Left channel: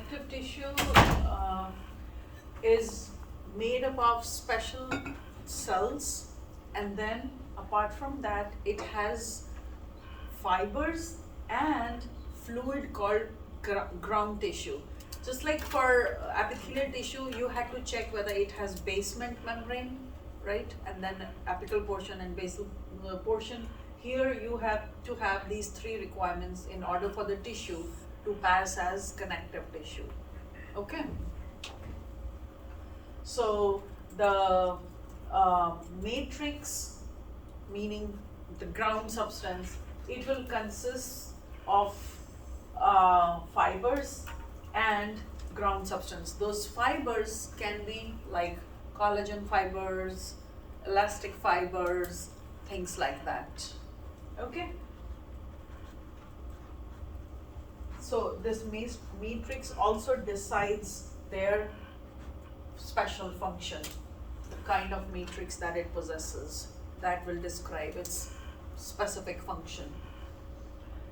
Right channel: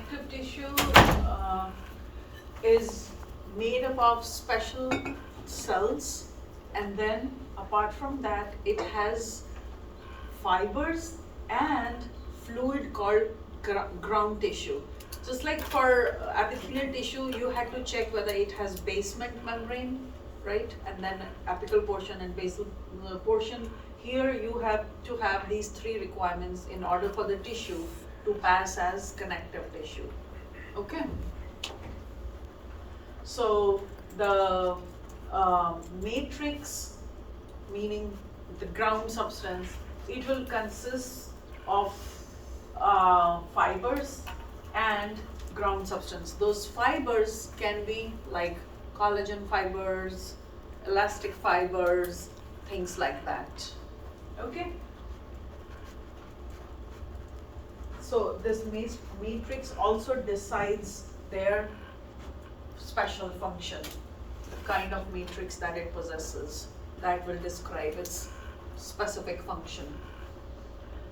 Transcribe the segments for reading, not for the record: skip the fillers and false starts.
connective tissue is made up of special cells, and then apart from that it has fibers and fluid called ground tissue. Just like for epithelial tissue, you had to check whether it has basement membrane, right? And then apical portion and basal portion. Here you have to have these three requirements in order for the tissue to pass as connective tissue. Okay? So the matrix, meaning the ground substance, it will consist of fibers and ground substance. Those fibers can be like collagen fibers, elastic fibers, things like that. Okay? So this matrix also decides their special function, the kind of matrix that it possesses, that will describe its specific function.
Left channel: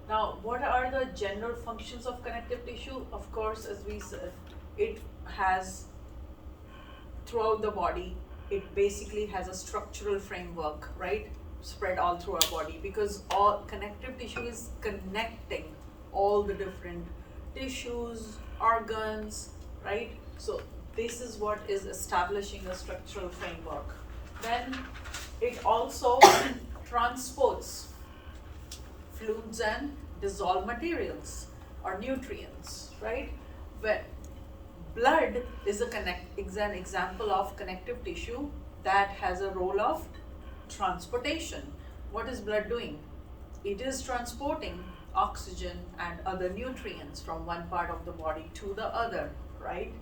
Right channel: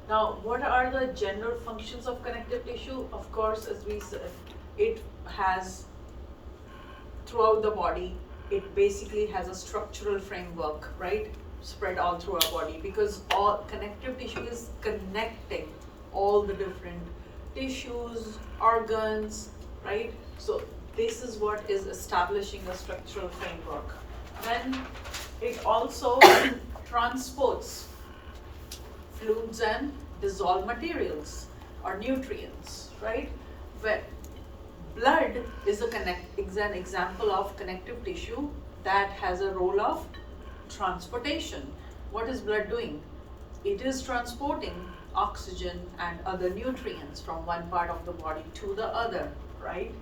Now, what are the general functions of connective tissue? Of course, as we said, it has, throughout the body, it basically has a structural framework, right? Spread all through our body, because all connective tissue is connecting all the different tissues, organs, right? So this is what is establishing a structural framework. Then it also transports fluids and dissolved materials or nutrients, right? But blood is an example of connective tissue that has a role of transportation. What is blood doing? It is transporting oxygen and other nutrients from one part of the body to the other, right?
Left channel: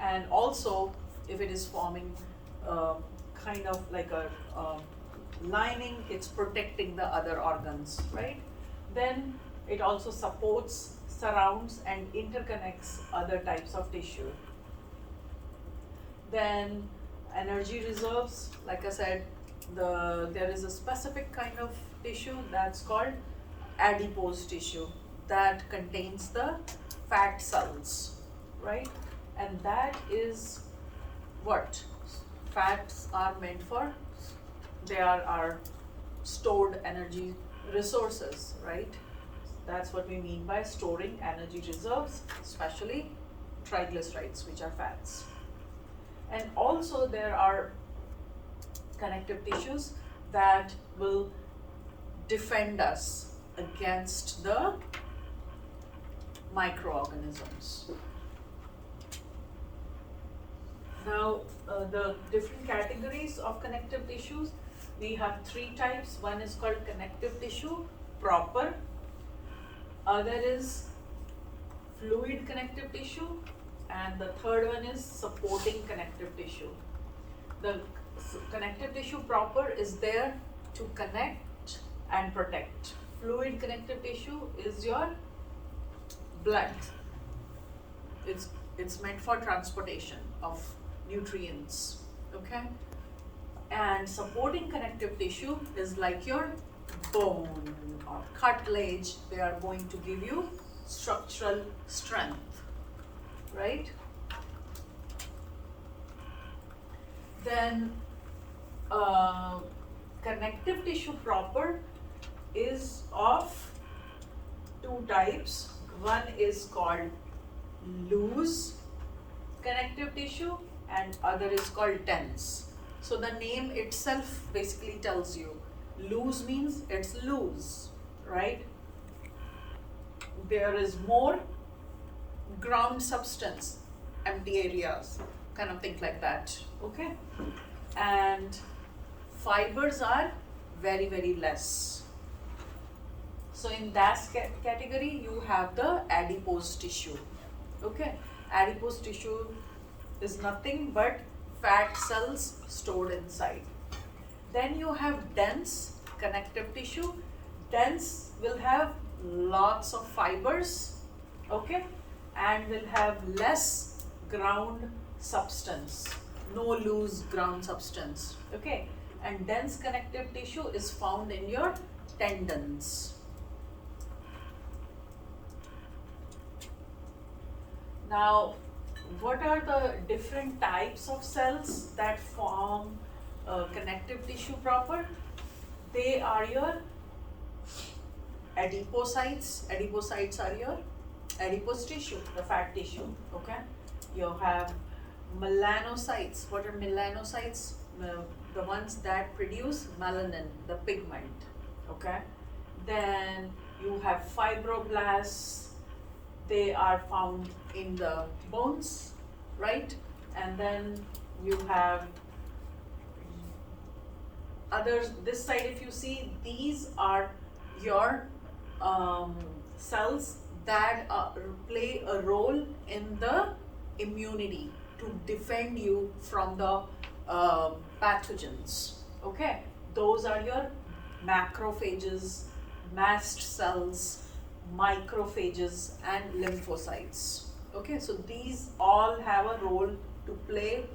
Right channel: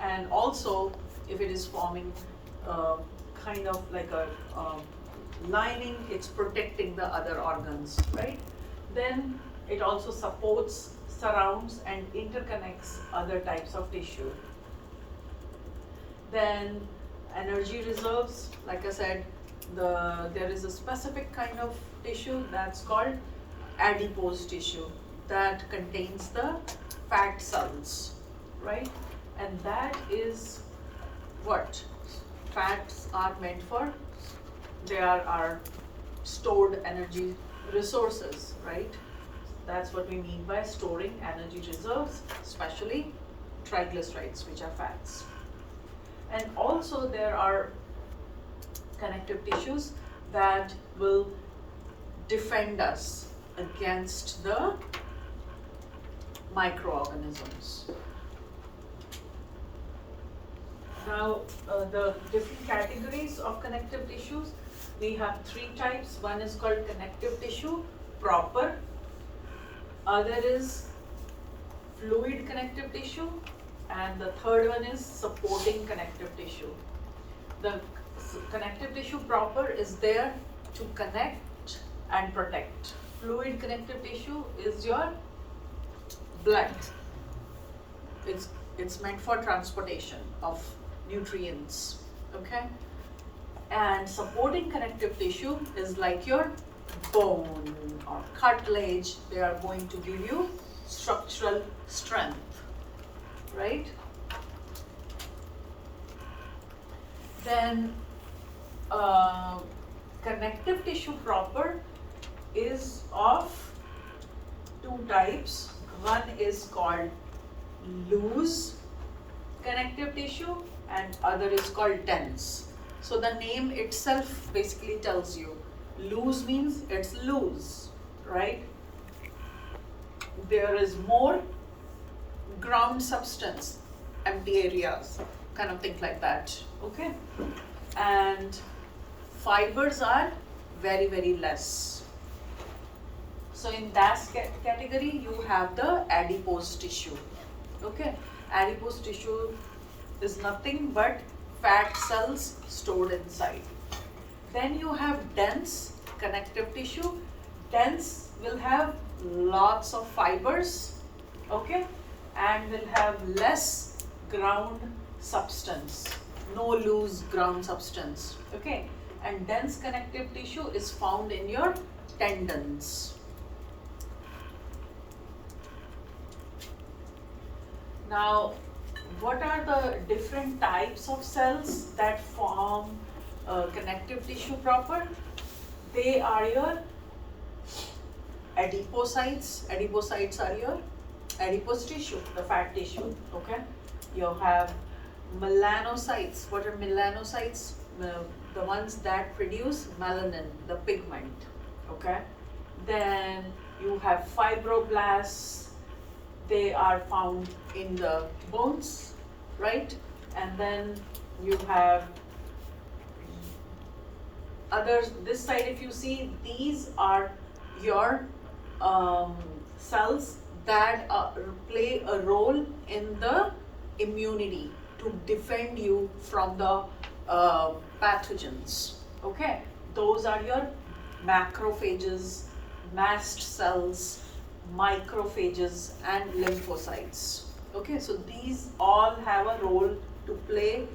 And also, if it is forming kind of like a lining, it's protecting the other organs, right? Then it also supports, surrounds, and interconnects other types of tissue. Then energy reserves, like I said, there is a specific kind of tissue that's called adipose tissue that contains the fat cells, right? And that is what fats are meant for. They are stored energy resources, right? That's what we mean by storing energy reserves, especially triglycerides, which are fats. And also there are connective tissues that will defend us against the microorganisms. Now, the different categories of connective tissues, we have three types. One is called connective tissue proper, other is fluid connective tissue, and the third one is supporting connective tissue. The connective tissue proper is there to connect and protect. Fluid connective tissue is your blood. It's meant for transportation of nutrients, okay? And supporting connective tissue is like your bone or cartilage. They are going to give you structural strength, right? Then connective tissue proper is of two types. One is called loose connective tissue and other is called dense. So the name itself basically tells you. Loose means it's loose, right? There is more ground substance, empty areas, kind of thing like that, okay? And fibers are very, very less. So in that category, you have the adipose tissue, okay? Adipose tissue is nothing but fat cells stored inside. Then you have dense connective tissue. Dense will have lots of fibers, okay, and will have less ground substance, no loose ground substance, okay. And dense connective tissue is found in your tendons. Now, what are the different types of cells that form connective tissue proper? They are your adipocytes. Adipocytes are your adipose tissue, the fat tissue, okay? You have melanocytes. What are melanocytes? The ones that produce melanin, the pigment, okay? Then you have fibroblasts. They are found in the bones, right? And then you have others. This side, if you see, these are your cells that play a role in the immunity to defend you from the pathogens. Okay, those are your macrophages, mast cells, microphages, and lymphocytes. Okay, so these all have a role to play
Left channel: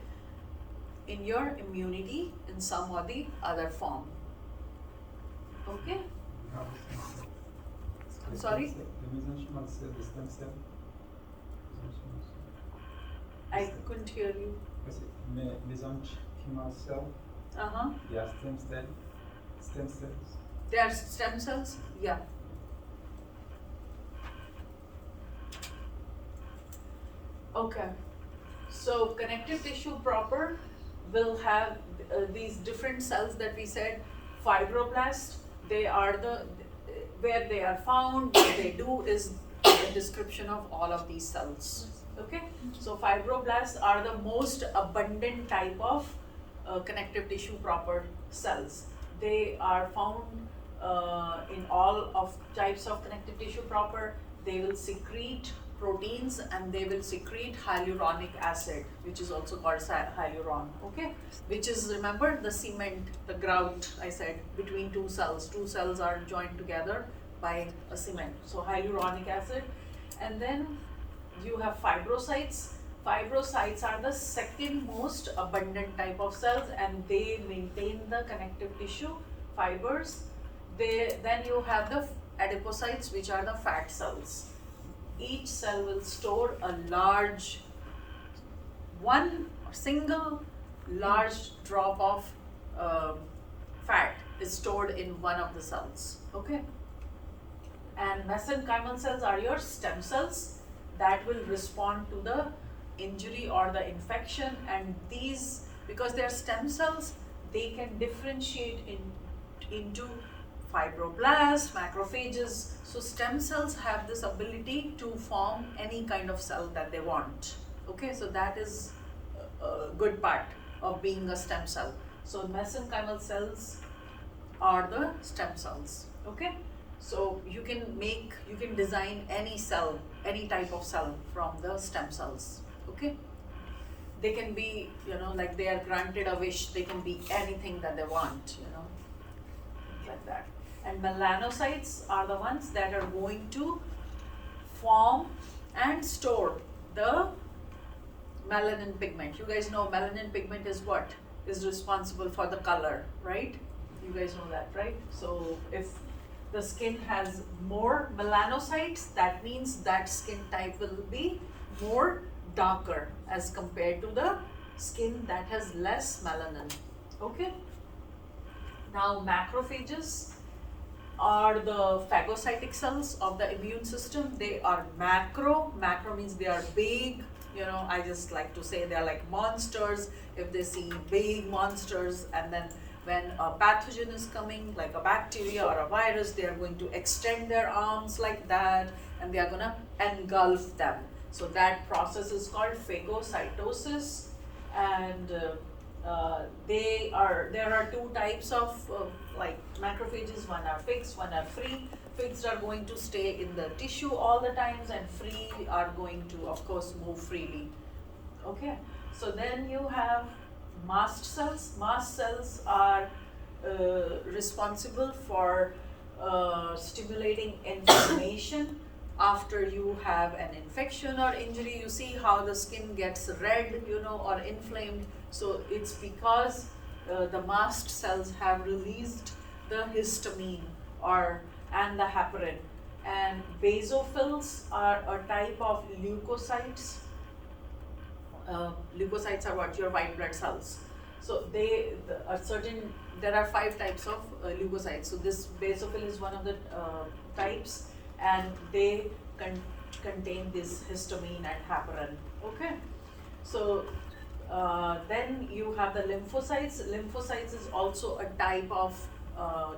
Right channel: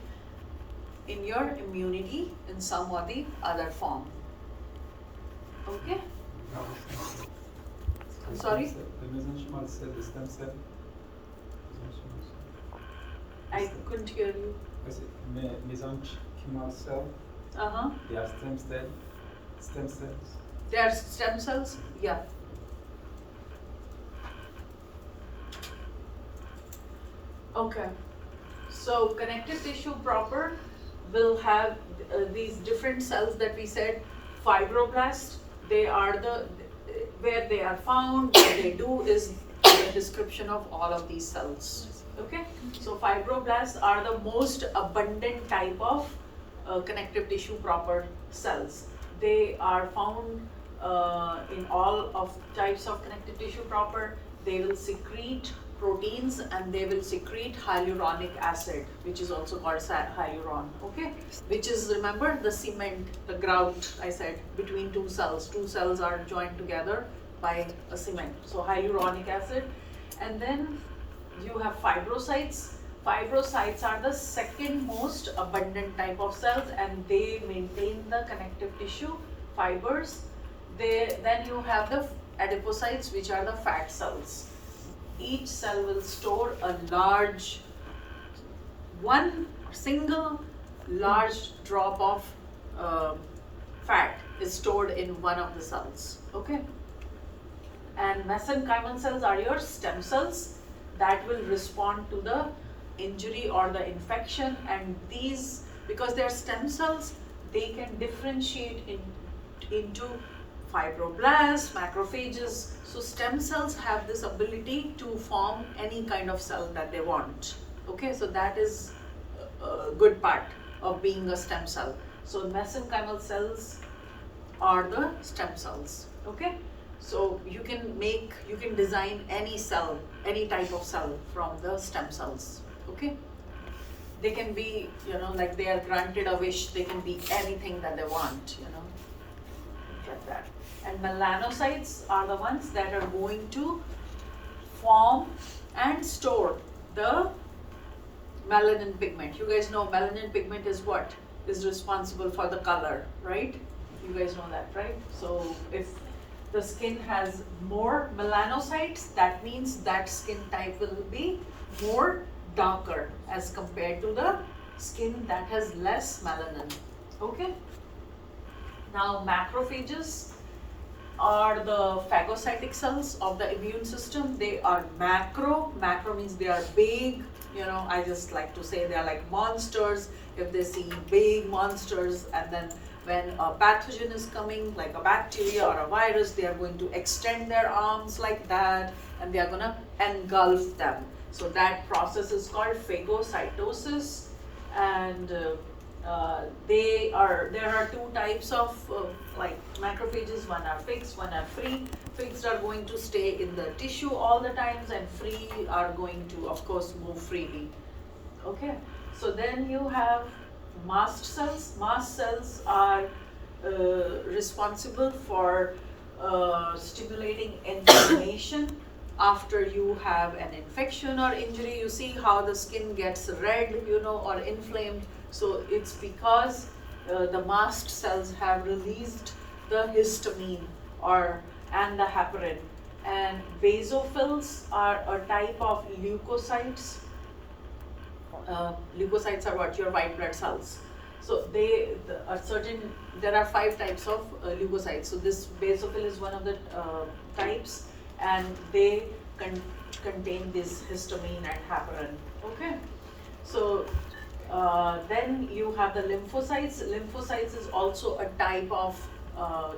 in your immunity in some or the other form. Okay? I'm sorry? Le mésenchymal cell, the stem cell. I couldn't hear you. Mesenchymal cell, Uh-huh. they are stem cells. They are stem cells? Yeah. Okay. So connective tissue proper will have these different cells that we said. Fibroblasts, they are where they are found, what they do is the description of all of these cells. Okay, so fibroblasts are the most abundant type of connective tissue proper cells. They are found in all of types of connective tissue proper. They will secrete proteins and they will secrete hyaluronic acid, which is also called hyaluron, okay? Which is, remember, the cement, the grout I said, between two cells. Two cells are joined together by a cement. So hyaluronic acid. And then you have fibrocytes. Fibrocytes are the second most abundant type of cells and they maintain the connective tissue fibers. Then you have the adipocytes, which are the fat cells. Each cell will store a single large drop of fat is stored in one of the cells, okay? And mesenchymal cells are your stem cells that will respond to the injury or the infection, and these, because they are stem cells, they can differentiate into fibroblasts, macrophages. So stem cells have this ability to form any kind of cell that they want. Okay, so that is a good part of being a stem cell. So mesenchymal cells are the stem cells. Okay, so you can design any cell, any type of cell from the stem cells. Okay, they can be, like they are granted a wish, they can be anything that they want, like that. And melanocytes are the ones that are going to form and store the melanin pigment. You guys know melanin pigment is what? Is responsible for the color, right? You guys know that, right? So if the skin has more melanocytes, that means that skin type will be more darker as compared to the skin that has less melanin. Okay? Now macrophages are the phagocytic cells of the immune system. They are macro means they are big, I just like to say they are like monsters. If they see big monsters, and then when a pathogen is coming, like a bacteria or a virus, they are going to extend their arms like that and they are going to engulf them. So that process is called phagocytosis, and there are two types of like macrophages. One are fixed, one are free. Fixed are going to stay in the tissue all the times, and free are going to, of course, move freely. Okay, so then you have mast cells. Mast cells are responsible for stimulating inflammation. After you have an infection or injury, you see how the skin gets red, or inflamed. So it's because the mast cells have released the histamine and the heparin. And basophils are a type of leukocytes Leukocytes are what? Your white blood cells. So there are 5 types of leukocytes. So this basophil is one of the types, and they contain this histamine and heparin. Okay. So then you have the lymphocytes. Lymphocytes is also a type of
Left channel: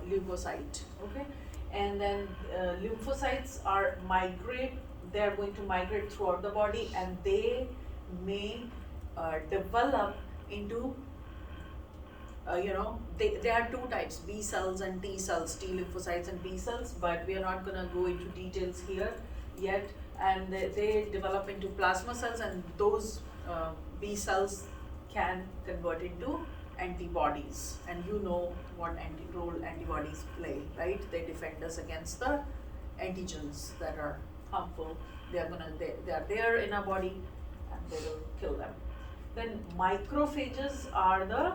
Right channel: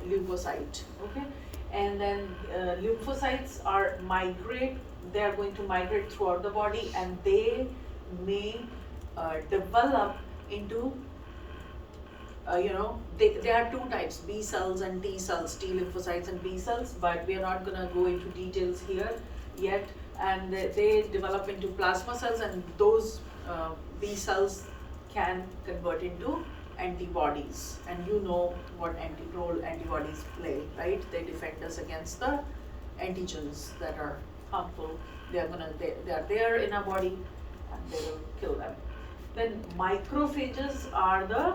leukocyte. Okay. And then lymphocytes are they are going to migrate throughout the body, and they may develop into there are 2 types, B cells and T cells, T lymphocytes and B cells, but we are not going to go into details here yet. And they develop into plasma cells, and those B cells can convert into antibodies. And you know what role antibodies play, right? They defend us against the antigens that are harmful. They are there in our body, and they will kill them. Then macrophages are the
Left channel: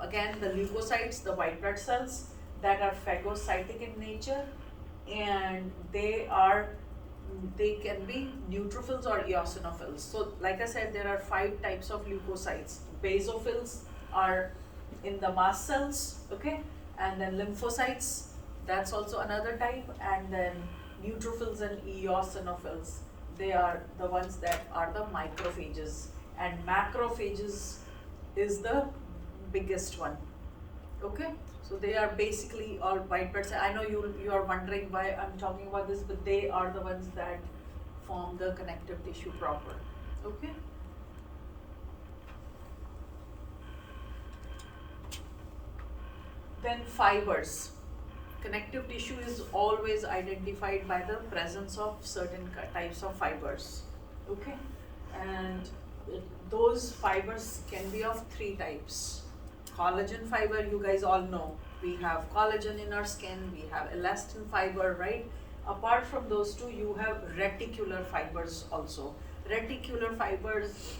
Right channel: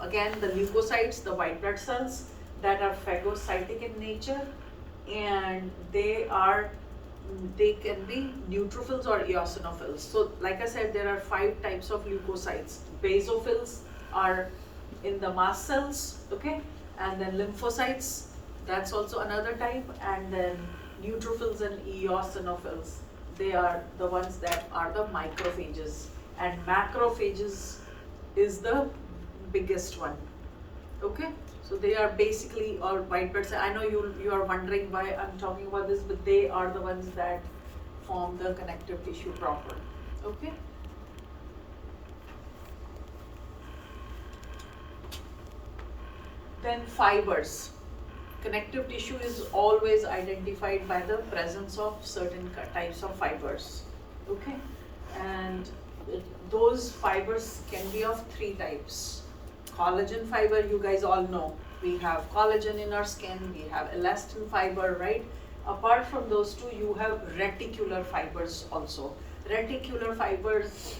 again the leukocytes, the white blood cells that are phagocytic in nature, and they can be neutrophils or eosinophils. So like I said, there are 5 types of leukocytes. Basophils are in the mast cells, okay, and then lymphocytes, that's also another type, and then neutrophils and eosinophils, they are the ones that are the macrophages, and macrophages is the biggest one. Okay, so they are basically all white blood cells. I know you are wondering why I'm talking about this, but they are the ones that form the connective tissue proper. Okay. Then fibers. Connective tissue is always identified by the presence of certain types of fibers. Okay, and those fibers can be of 3 types. Collagen fiber, you guys all know. We have collagen in our skin, we have elastin fiber, right? Apart from those 2, you have reticular fibers also. Reticular fibers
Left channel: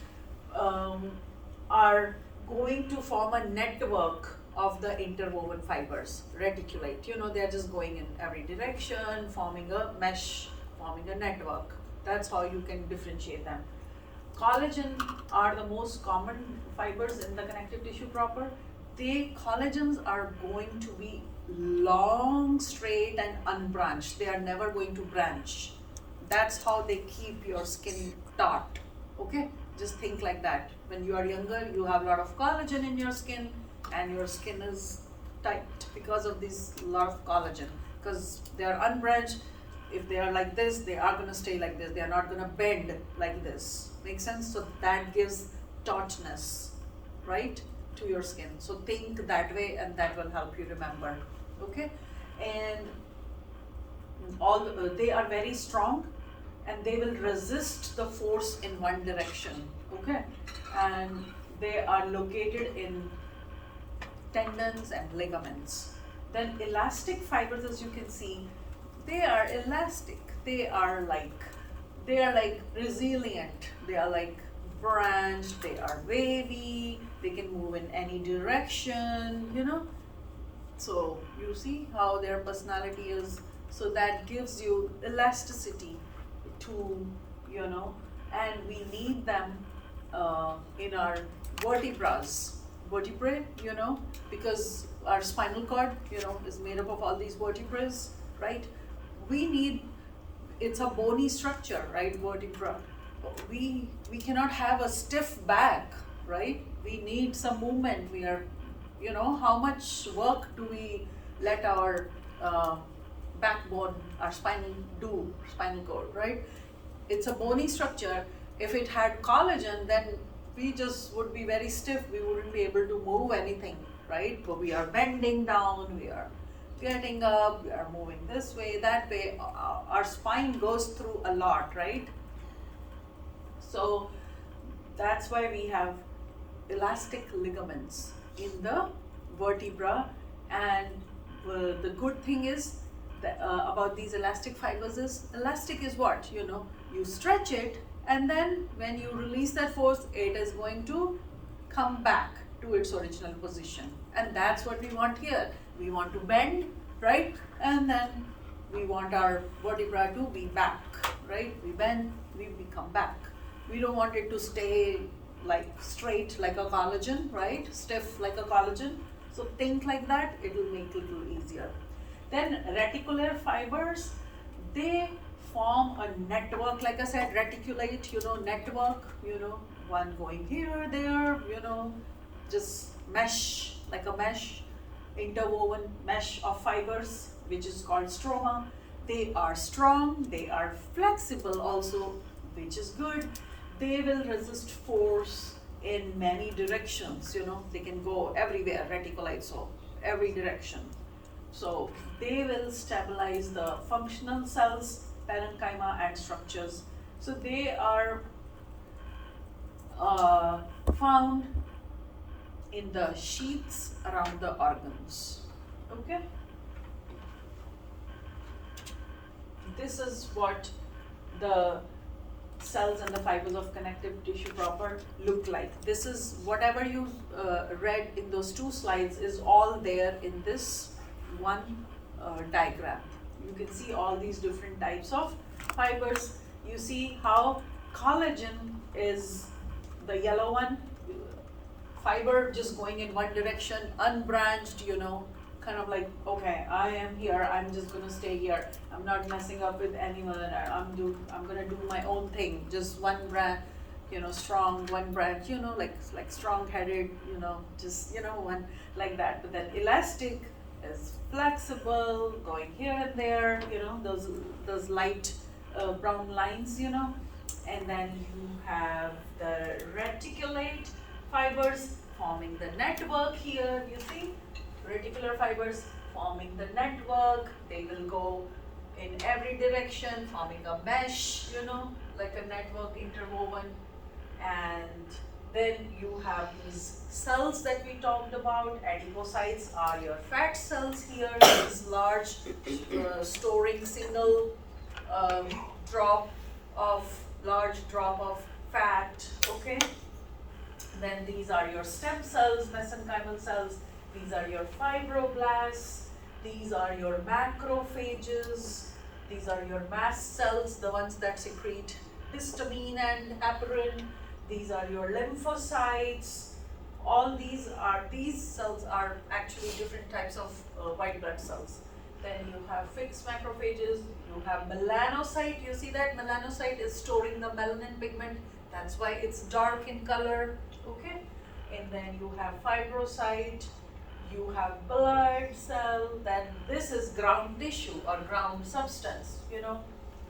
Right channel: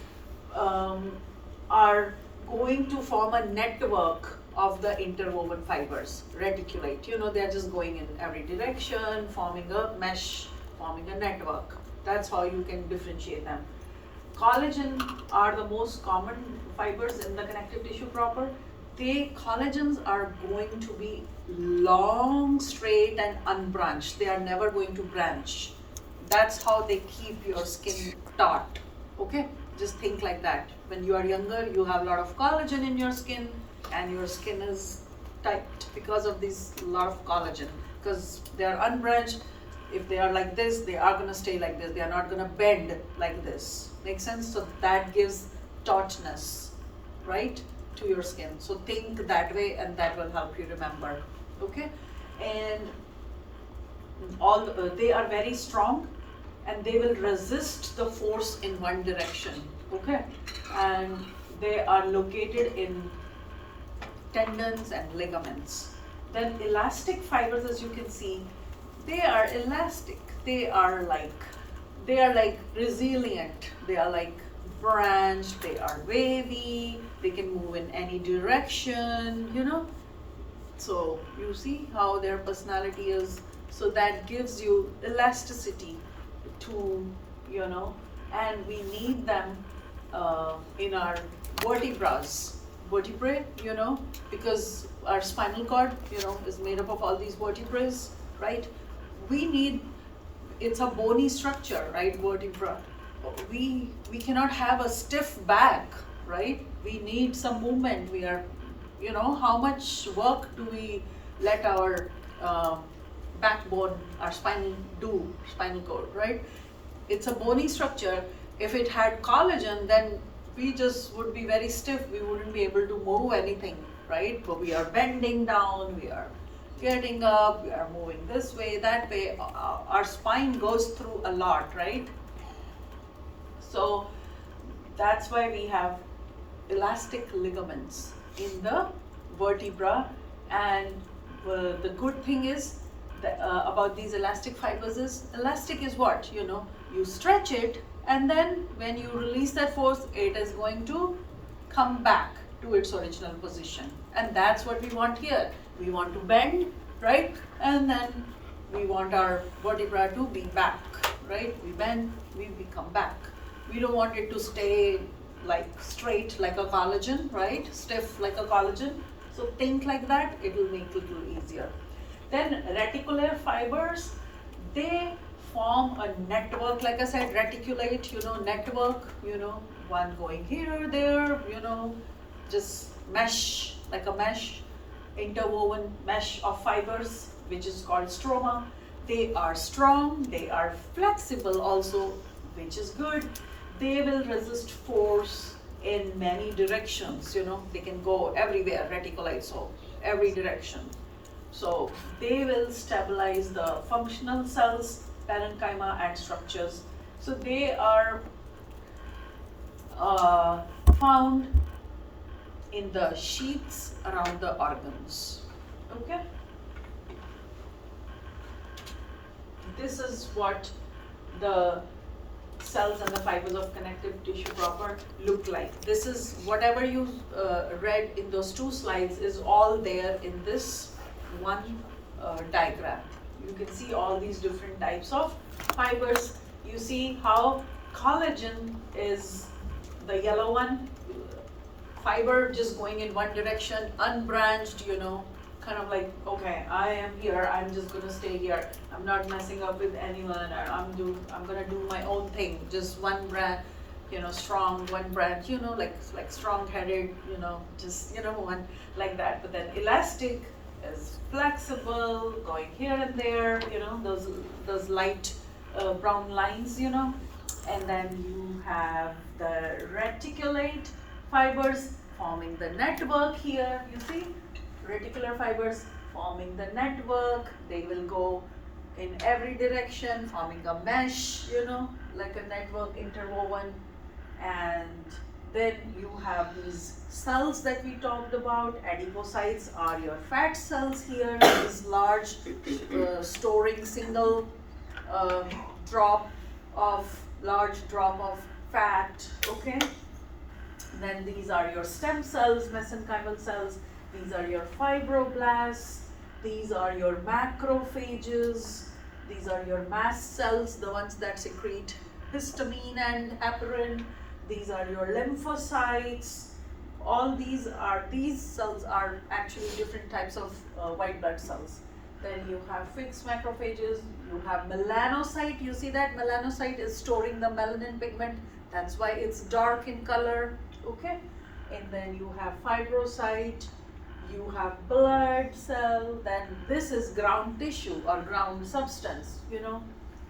are going to form a network of the interwoven fibers. Reticulate, they are just going in every direction, forming a mesh, forming a network. That's how you can differentiate them. Collagen are the most common fibers in the connective tissue proper. Collagens are going to be long, straight, and unbranched. They are never going to branch. That's how they keep your skin taut. Okay, just think like that. When you are younger, you have a lot of collagen in your skin, and your skin is tight because of this lot of collagen. Because they are unbranched. If they are like this, they are going to stay like this. They are not going to bend like this. Make sense? So that gives tautness, right, to your skin. So think that way, and that will help you remember. Okay, and they are very strong, and they will resist the force in one direction. Okay, and they are located in tendons and ligaments. Then elastic fibers, as you can see, they are elastic. They are like resilient. They are like branched. They are wavy. They can move in any direction, So you see how their personality is. So that gives you elasticity to, and we need them in our vertebrae, because our spinal cord, is made up of all these vertebrae, right? It's a bony structure, right, vertebra. We cannot have a stiff back, right? We need some movement. We are, how much work do we let our backbone, our spinal cord, right? It's a bony structure. If it had collagen, then we just would be very stiff. We wouldn't be able to move anything, right? But we are bending down, we are getting up, we are moving this way, that way. Our spine goes through a lot, right? So that's why we have elastic ligaments in the vertebra. And the good thing is that, about these elastic fibers is, elastic is what? You stretch it, and then when you release that force, it is going to come back to its original position. And that's what we want here. We want to bend, right? And then we want our vertebra to be back right? We bend, we come back. We don't want it to stay like straight like a collagen, right? Stiff like a collagen. So think like that, it will make it a little easier. Then reticular fibers, they form a network, like I said, reticulate, network, one going here, there, just mesh, like a mesh, interwoven mesh of fibers, which is called stroma. They are strong, they are flexible also, which is good. They will resist force in many directions, they can go everywhere, reticulate, so every direction. So they will stabilize the functional cells, parenchyma and structures. So they are found in the sheaths around the organs. Okay? This is what the cells and the fibers of connective tissue proper look like. This is whatever you read in those two slides is all there in this one diagram. You can see all these different types of fibers. You see how collagen is the yellow one, fiber just going in one direction, unbranched, kind of like, okay, I am here, I'm just gonna stay here. I'm not messing up with anyone, I'm gonna do my own thing. Just one branch, strong, one branch, like strong-headed, just, one like that. But then elastic is flexible, going here and there, those light brown lines, and then you have the reticulate fibers forming the network here, you see? Reticular fibers forming the network, they will go in every direction, forming a mesh, like a network interwoven. And then you have these cells that we talked about. Adipocytes are your fat cells here, these large storing single large drop of fat, okay? Then these are your stem cells, mesenchymal cells. These are your fibroblasts. These are your macrophages. These are your mast cells, the ones that secrete histamine and heparin. These are your lymphocytes. All these cells are actually different types of white blood cells. Then you have fixed macrophages. You have melanocyte. You see that melanocyte is storing the melanin pigment. That's why it's dark in color. Okay, and then you have fibrocyte, you have blood cell, then this is ground tissue or ground substance,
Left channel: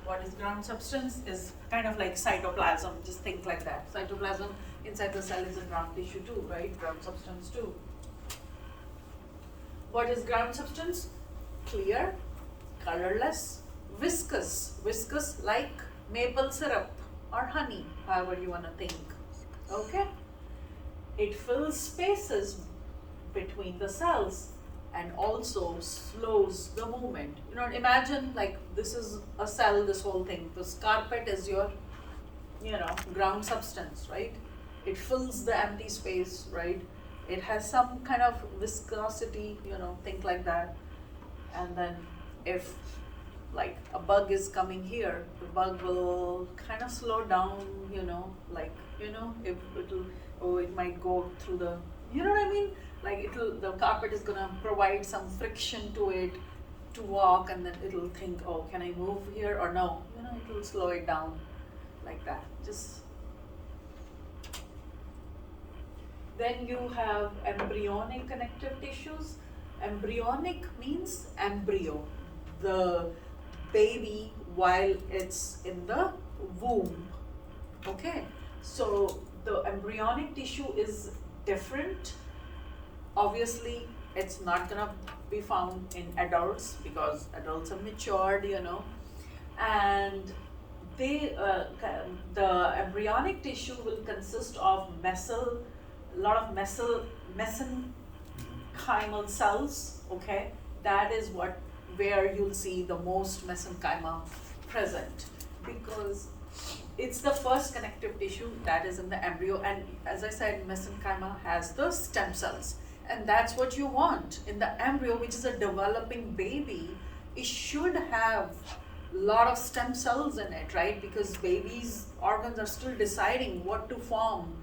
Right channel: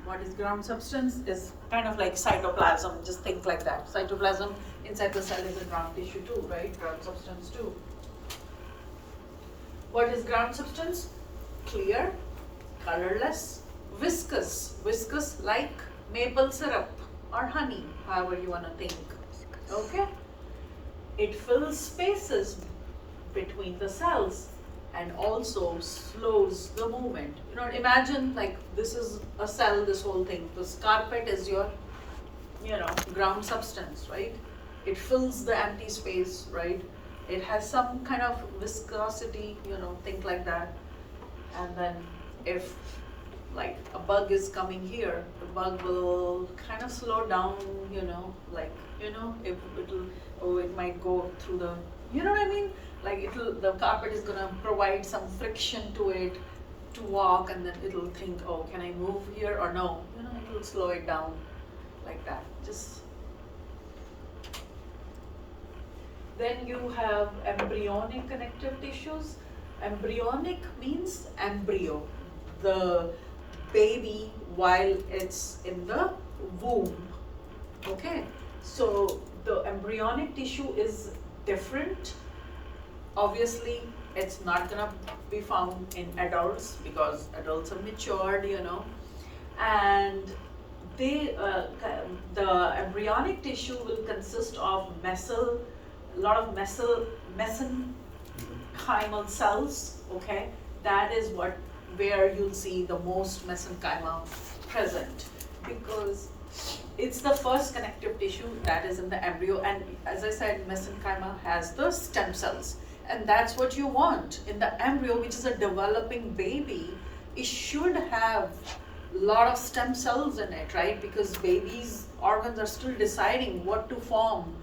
What is ground substance? Is kind of like cytoplasm, just think like that. Cytoplasm inside the cell is a ground tissue too, right? Ground substance too. What is ground substance? Clear, colorless, viscous like maple syrup or honey, however you want to think, okay? It fills spaces between the cells and also slows the movement. Imagine like this is a cell, this whole thing. This carpet is your, ground substance, right? It fills the empty space, right? It has some kind of viscosity, think like that. And then if like a bug is coming here, the bug will kind of slow down, if it might go through the, you know what I mean? Like the carpet is gonna provide some friction to it to walk, and then it'll think, oh, can I move here or no? It will slow it down like that. Then you have embryonic connective tissues. Embryonic means embryo, the baby while it's in the womb. Okay, so the embryonic tissue is different. Obviously, it's not gonna be found in adults because adults are matured, and the embryonic tissue will consist of mesenchymal cells, okay? That is where you'll see the most mesenchyma present, because it's the first connective tissue that is in the embryo, and as I said, mesenchyma has the stem cells, and that's what you want in the embryo, which is a developing baby. It should have lot of stem cells in it, right? Because babies' organs are still deciding what to form.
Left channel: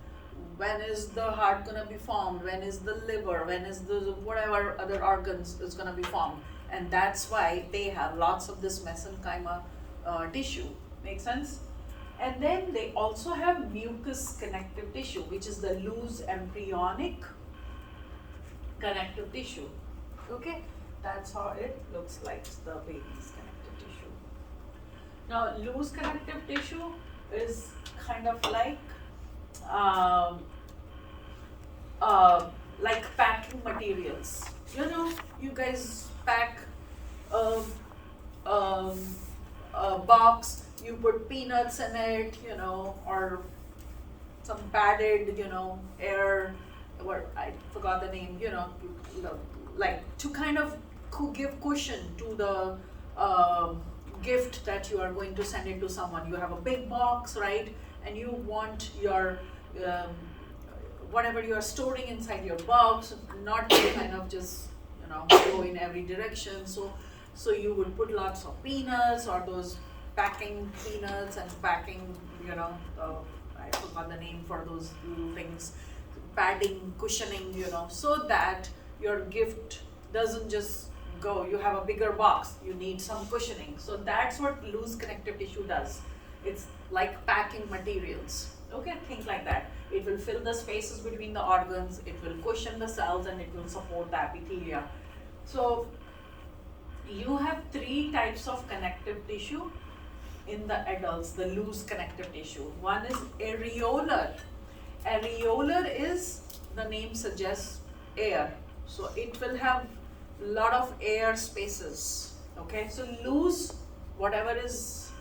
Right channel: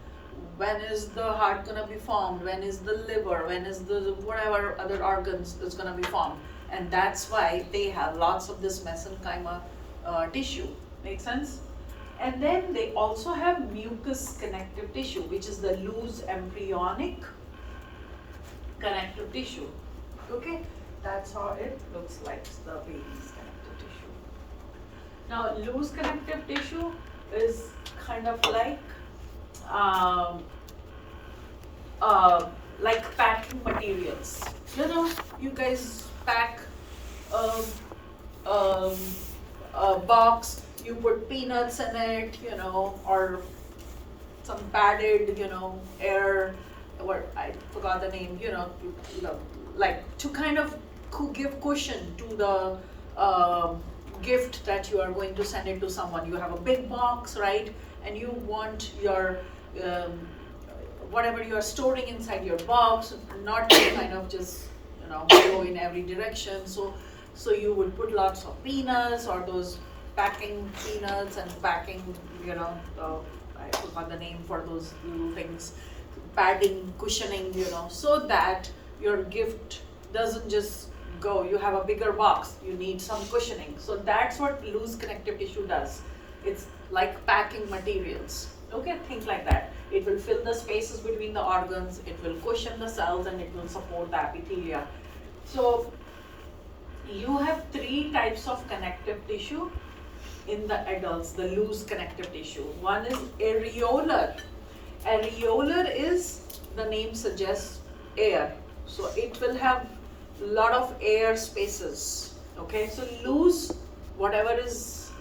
When is the heart gonna be formed? When is the liver? When is the whatever other organs is gonna be formed? And that's why they have lots of this mesenchyma tissue. Make sense? And then they also have mucous connective tissue, which is the loose embryonic connective tissue. Okay, that's how it looks like, the baby's connective tissue. Now, loose connective tissue is kind of um, like packing materials. You know, you guys pack um, um, a box, you put peanuts in it, you know, or some padded, you know, air, what I forgot the name, you know, like to kind of give cushion to the gift that you are going to send it to someone. You have a big box, right? And you want your whatever you are storing inside your box not to kind of just, you know, go in every direction. So you would put lots of peanuts or those packing peanuts and packing, you know, I forgot the name for those little things, padding, cushioning, you know, so that your gift doesn't just go. You have a bigger box, you need some cushioning. So that's what loose connective tissue does. It's like packing materials. Okay, think like that. It will fill the spaces between the organs, it will cushion the cells, and it will support the epithelia. So you have three types of connective tissue in the adults, the loose connective tissue. One is areolar. Areolar is, the name suggests, air. So it will have a lot of air spaces. Okay, so loose, whatever is,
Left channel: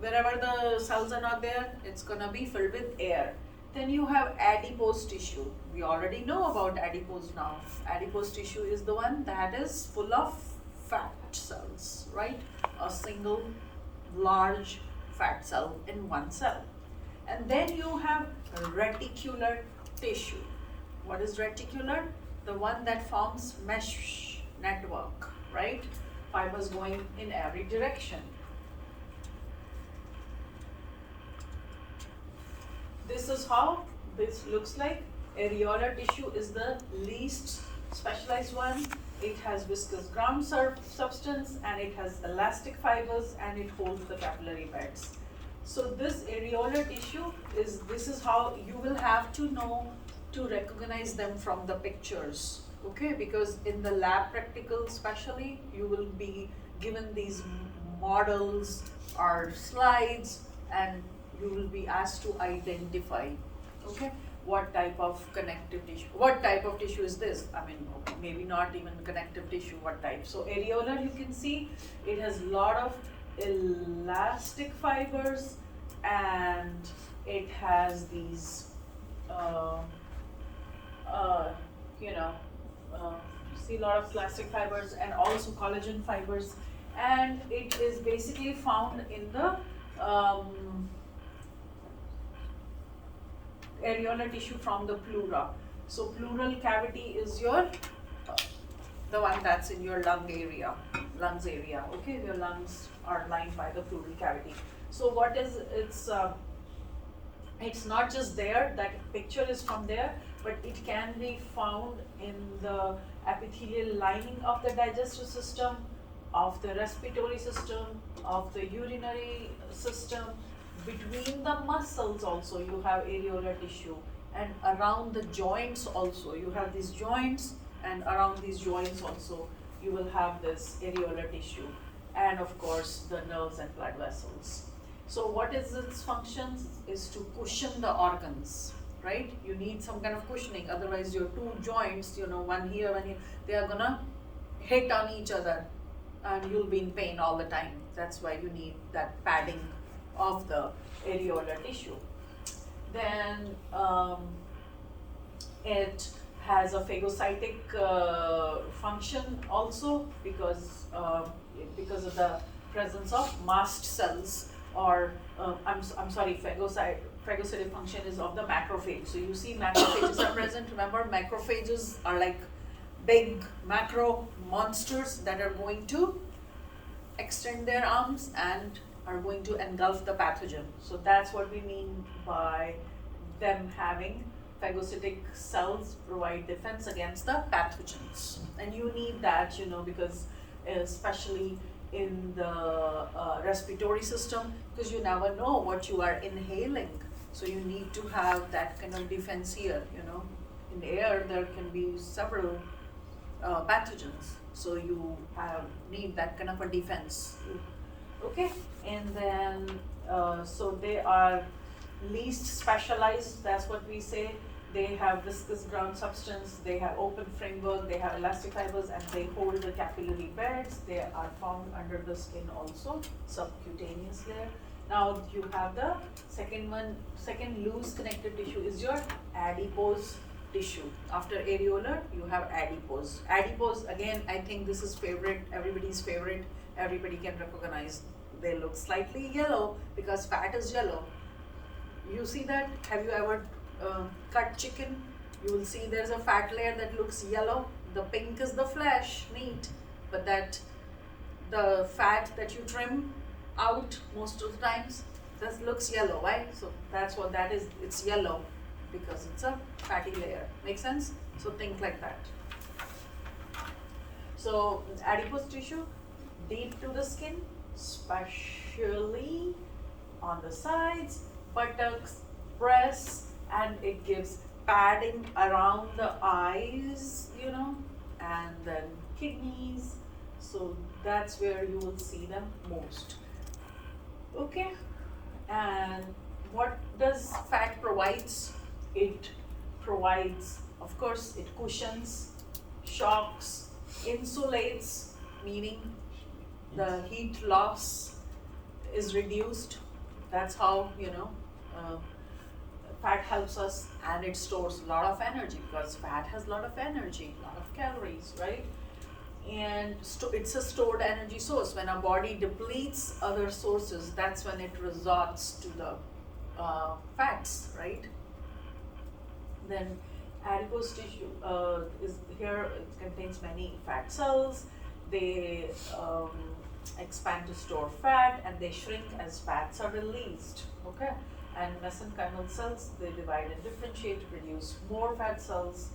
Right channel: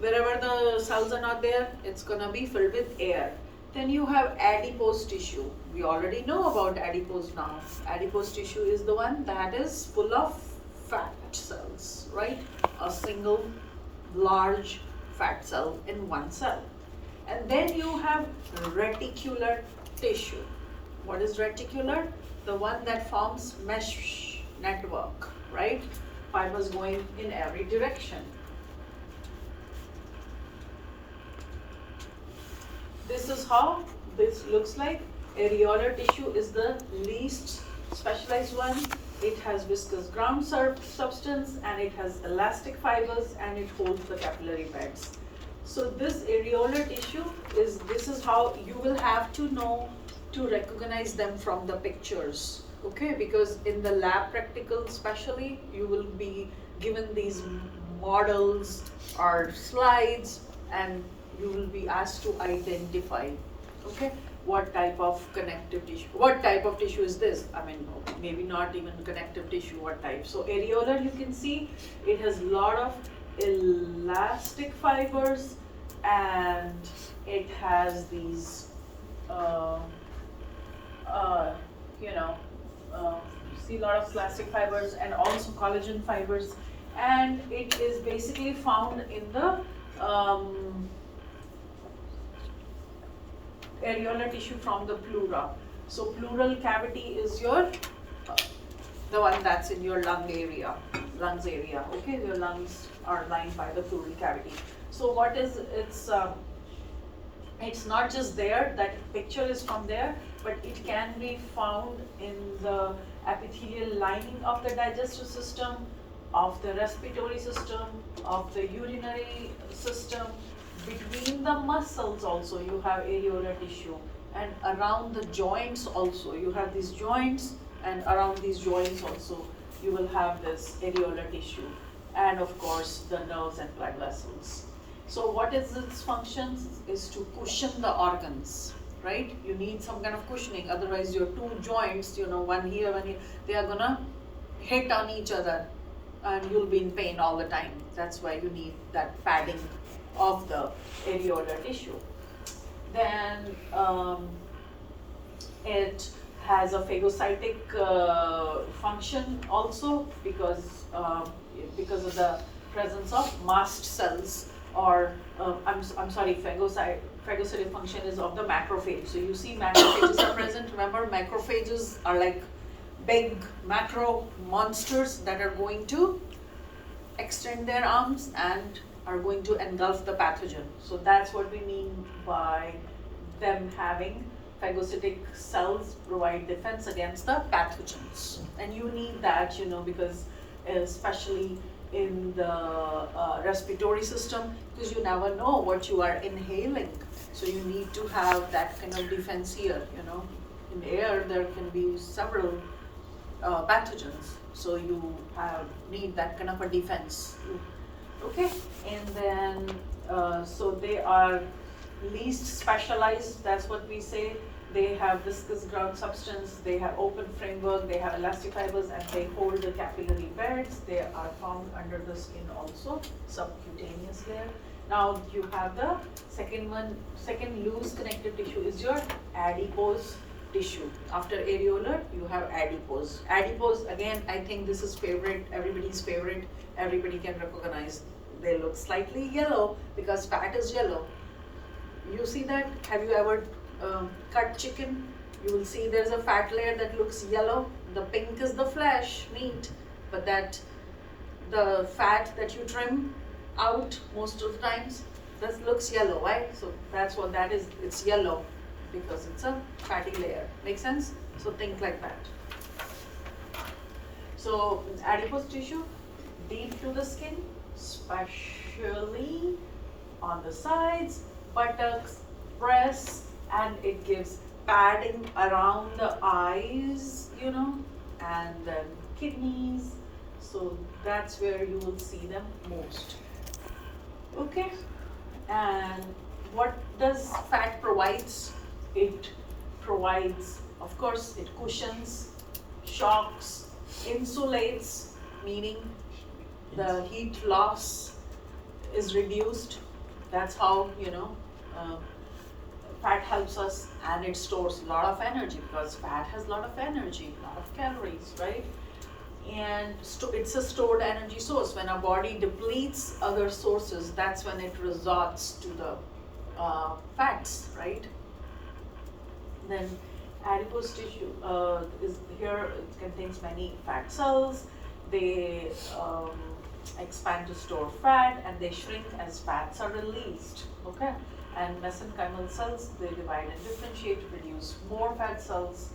wherever the cells are not there, it's gonna be filled with air. Then you have adipose tissue. We already know about adipose now. Adipose tissue is the one that is full of fat cells, right? A single large fat cell in one cell. And then you have reticular tissue. What is reticular? The one that forms mesh network, right? Fibers going in every direction. This is how this looks like. Areolar tissue is the least specialized one. It has viscous ground substance, and it has elastic fibers, and it holds the capillary beds. So this areolar tissue is, this is how you will have to know to recognize them from the pictures, okay? Because in the lab practical especially, you will be given these models or slides, and you will be asked to identify, okay, what type of connective tissue, what type of tissue is this? I mean, maybe not even connective tissue, what type? So areolar, you can see, it has a lot of elastic fibers, and it has these, see a lot of elastic fibers and also collagen fibers, and it is basically found in the areolar tissue from the pleura. So pleural cavity is your the one that's in your lungs area, okay? Your lungs are lined by the pleural cavity. So what is, it's not just there, that picture is from there, but it can be found in the epithelial lining of the digestive system, of the respiratory system, of the urinary system. Between the muscles also you have areolar tissue, and around the joints also. You have these joints, and around these joints also you will have this areolar tissue, and of course the nerves and blood vessels. So what is its functions is to cushion the organs, right? You need some kind of cushioning, otherwise your two joints, one here, one here, they are gonna hit on each other, and you'll be in pain all the time. That's why you need that padding of the areolar tissue. Then it has a phagocytic function also, because of the presence of mast cells, or I'm sorry, phagocytic function is of the macrophage. So you see macrophages are present. Remember, macrophages are like big macro monsters that are going to extend their arms and are going to engulf the pathogen. So that's what we mean by them having phagocytic cells provide defense against the pathogens. And you need that, because especially in the respiratory system, because you never know what you are inhaling. So you need to have that kind of defense here, In air, there can be several pathogens. So you need that kind of a defense. Okay, and then, so they are least specialized, that's what we say. They have viscous ground substance, they have open framework, they have elastic fibers, and they hold the capillary beds. They are found under the skin also, subcutaneous layer. Now you have the second loose connective tissue is your adipose tissue. After areolar, you have adipose. Adipose, again, I think this is everybody's favorite, everybody can recognize. They look slightly yellow because fat is yellow. You see that? Have you ever cut chicken? You will see there's a fat layer that looks yellow. The pink is the flesh, meat, but the fat that you trim out most of the times, that looks yellow, right? So that's what that is. It's yellow because it's a fatty layer. Make sense? So think like that. So adipose tissue, deep to the skin, especially on the sides, buttocks, breasts, and it gives padding around the eyes, and then kidneys. So that's where you will see them most. Okay, and what does fat provides? It provides, of course, it cushions, shocks, insulates, meaning the heat loss is reduced. That's how, fat helps us, and it stores a lot of energy because fat has a lot of energy, a lot of calories, right? And it's a stored energy source. When our body depletes other sources, that's when it resorts to the fats, right? Then adipose tissue is here. It contains many fat cells. They expand to store fat, and they shrink as fats are released. Okay, and mesenchymal cells, they divide and differentiate to produce more fat cells,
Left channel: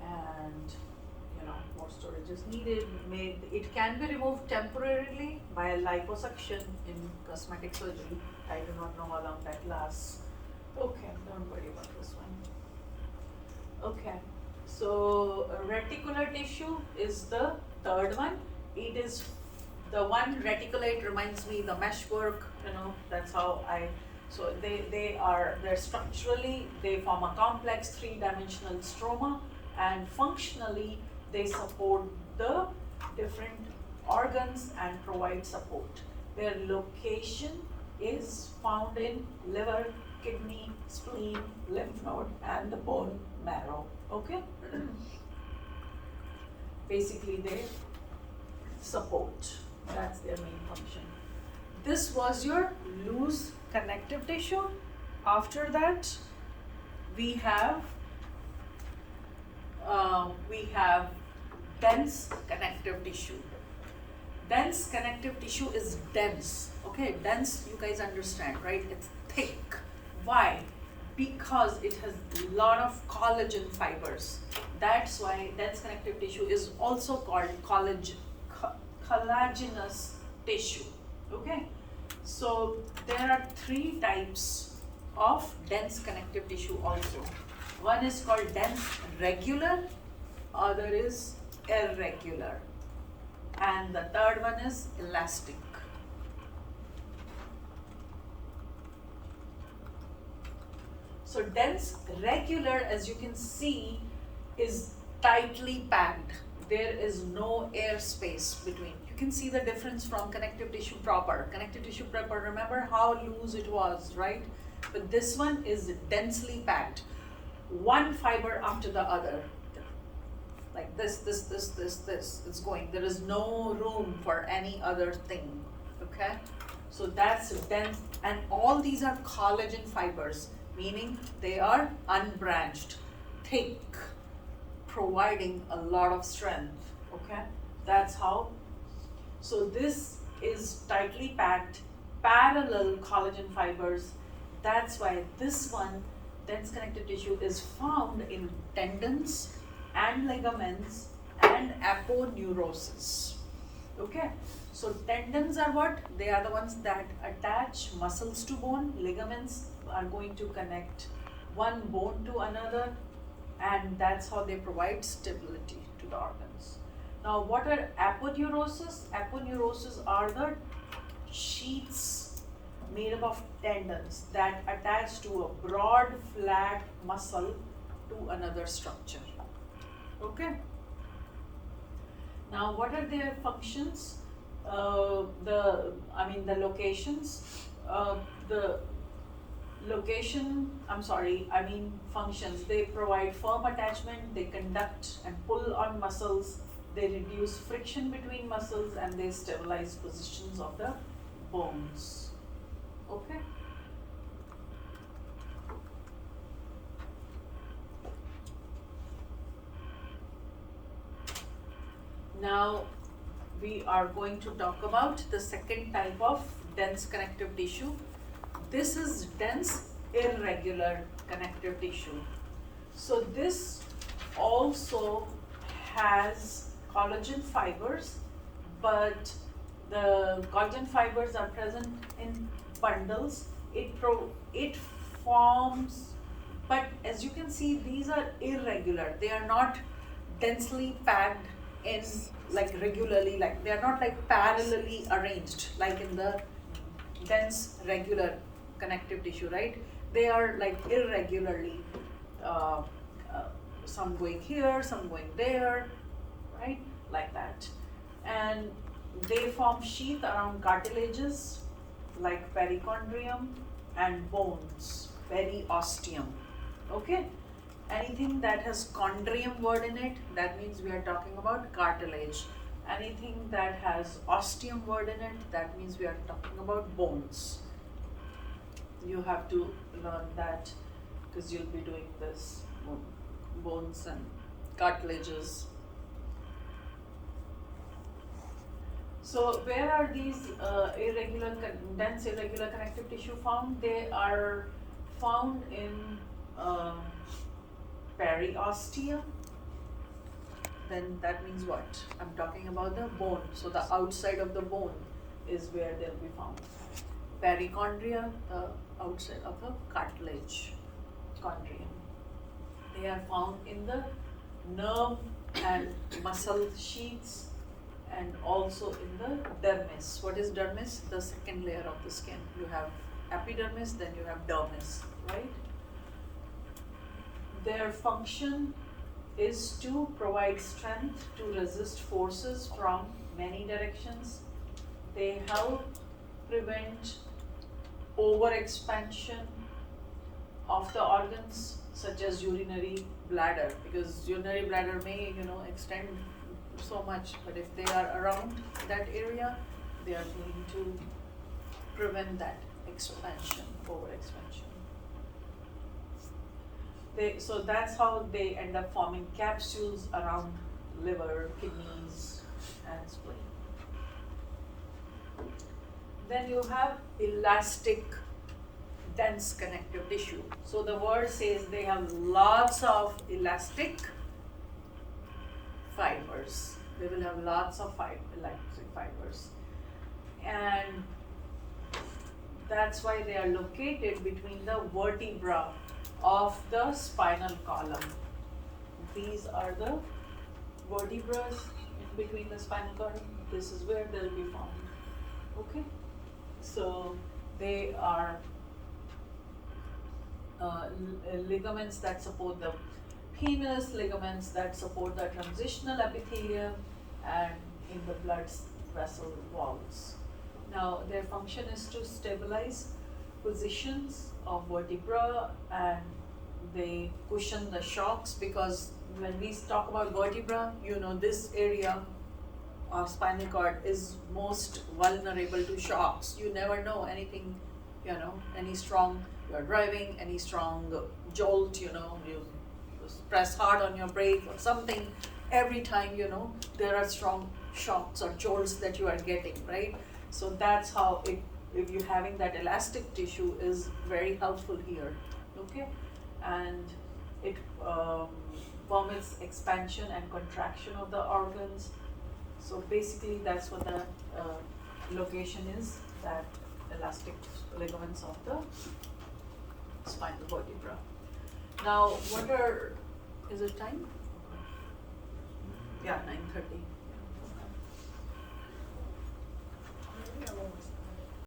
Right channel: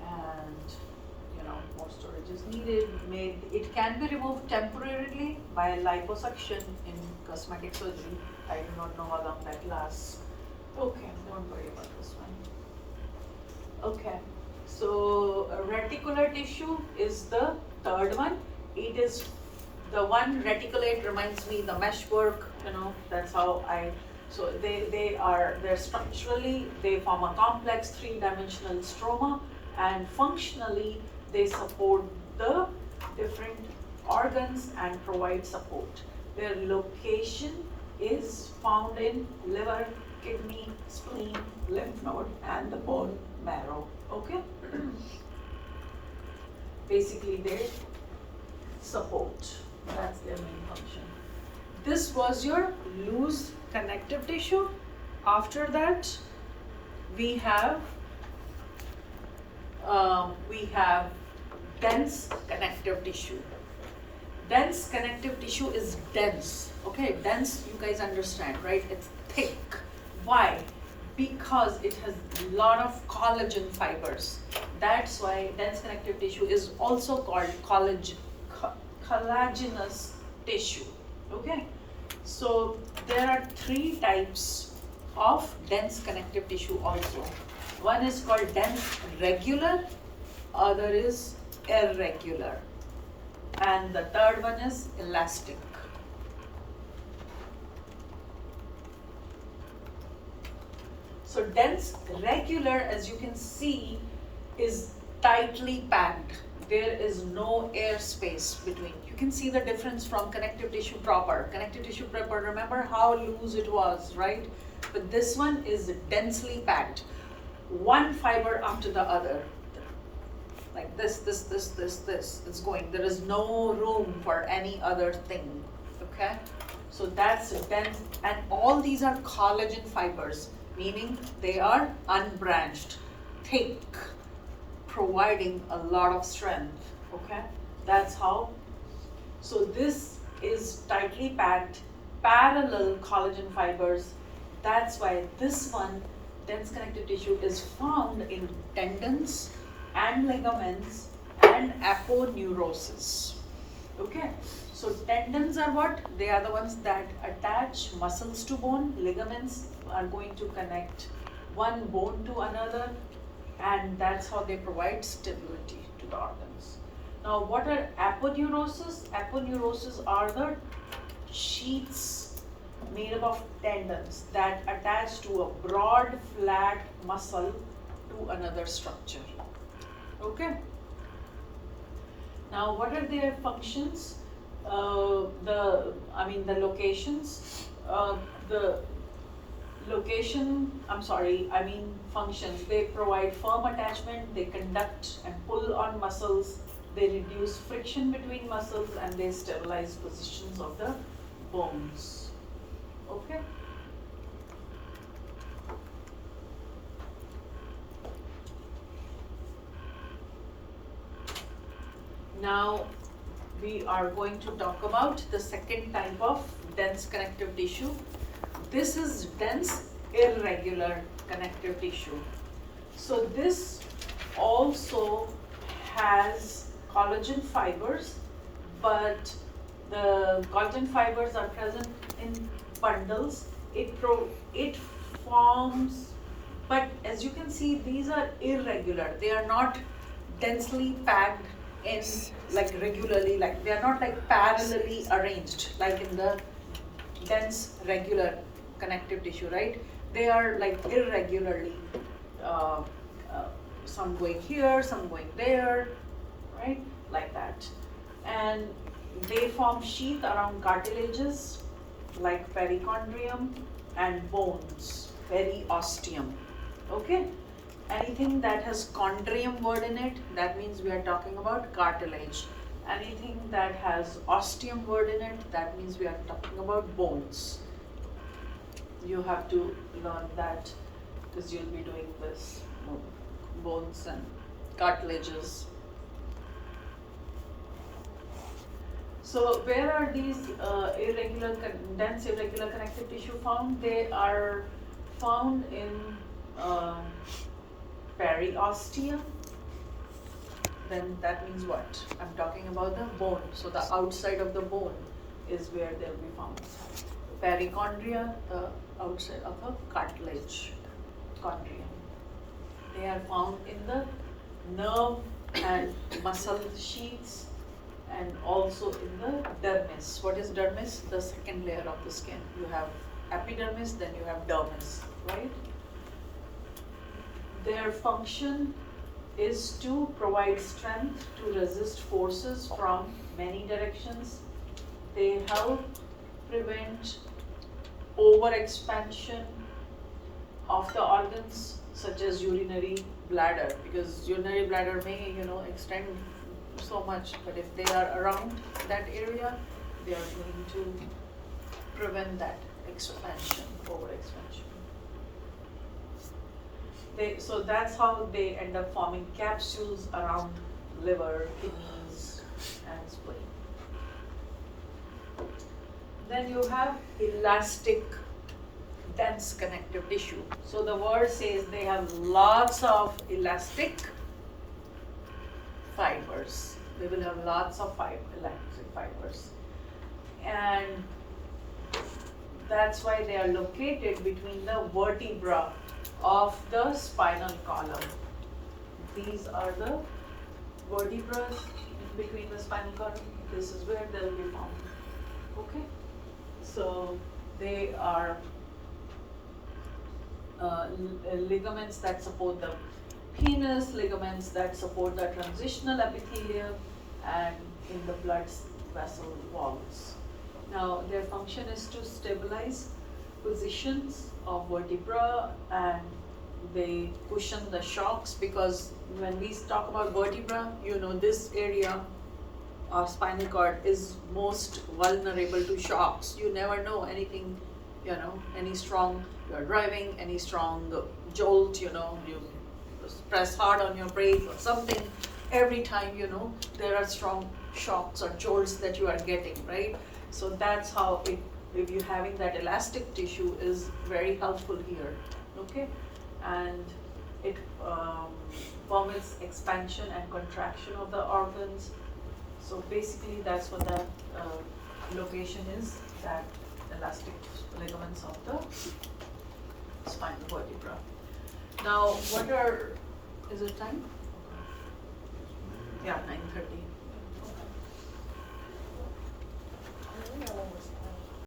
and more storage is needed. It can be removed temporarily by liposuction in cosmetic surgery. I do not know how long that lasts. Okay, don't worry about this one. Okay, so reticular tissue is the third one. It is the one reticulate reminds me the meshwork, that's how so they're structurally, they form a complex three-dimensional stroma, and functionally they support the different organs and provide support. Their location is found in liver, kidney, spleen, lymph node, and the bone marrow. Okay? Basically, they support. That's their main function. This was your loose connective tissue. After that, we have dense connective tissue. Dense connective tissue is dense. Okay, dense, you guys understand, right? It's thick. Why? Because it has a lot of collagen fibers. That's why dense connective tissue is also called collagenous tissue. Okay, so there are three types of dense connective tissue also. One is called dense regular, other is irregular, and the third one is elastic. So dense regular, as you can see, is tightly packed. There is no air space between. You can see the difference from connective tissue proper. Connective tissue proper, remember how loose it was, right? But this one is densely packed. One fiber after the other. Like this. It's going. There is no room for any other thing. Okay? So that's dense, and all these are collagen fibers, meaning they are unbranched, thick, providing a lot of strength. Okay, that's how. So this is tightly packed, parallel collagen fibers. That's why this one, dense connective tissue, is found in tendons and ligaments and aponeurosis. Okay, so tendons are what? They are the ones that attach muscles to bone. Ligaments are going to connect one bone to another, and that's how they provide stability to the organs. Now, what are aponeurosis? Aponeurosis are the sheaths made up of tendons that attach to a broad, flat muscle to another structure. Okay? Now, what are their functions? The locations. The location, functions. They provide firm attachment, they conduct and pull on muscles, they reduce friction between muscles, and they stabilize positions of the bones. Okay? Now, we are going to talk about the second type of dense connective tissue. This is dense irregular connective tissue. So this also has collagen fibers, but the collagen fibers are present in bundles. It forms, but as you can see, these are irregular. They are not densely packed in like regularly, like they are not like parallelly arranged like in the dense regular connective tissue, right? They are like irregularly, uh, some going here, some going there, right? Like that. And they form sheath around cartilages like perichondrium and bones, periosteum. Okay? Anything that has chondrium word in it, that means we are talking about cartilage. Anything that has osteum word in it, that means we are talking about bones. You have to learn that because you'll be doing this, bones and cartilages. So where are these dense irregular connective tissue found? They are found in periosteum. Then that means what? I'm talking about the bone. So the outside of the bone is where they'll be found. Perichondria, outside of a cartilage, chondrium. They are found in the nerve and muscle sheaths, and also in the dermis. What is dermis? The second layer of the skin. You have epidermis, then you have dermis, right? Their function is to provide strength to resist forces from many directions. They help prevent overexpansion of the organs such as urinary bladder, because urinary bladder may extend so much, but if they are around that area, they are going to prevent that expansion, overexpansion. So that's how they end up forming capsules around liver, kidneys, and spleen. Then you have elastic dense connective tissue. So the word says they have lots of elastic fibers. They will have lots of elastic fibers. And that's why they are located between the vertebra of the spinal column. These are the vertebrae between the spinal column. This is where they'll be found. Okay? So they are ligaments that support the penis, ligaments that support the transitional epithelium, and in the blood vessel walls. Now, their function is to stabilize positions of vertebra, and they cushion the shocks, because when we talk about vertebra, this area of spinal cord is most vulnerable to shocks. You never know anything, any strong, you are driving, any strong jolt, you press hard on your brake or something, every time, there are strong shocks or jolts that you are getting, right? So that's how it, if you're having that elastic tissue is very helpful here, okay? And it permits expansion and contraction of the organs. So basically, that's what that location is, that elastic ligaments of the spinal vertebra. Now, what are, is it time? Yeah, 9:30. I got one more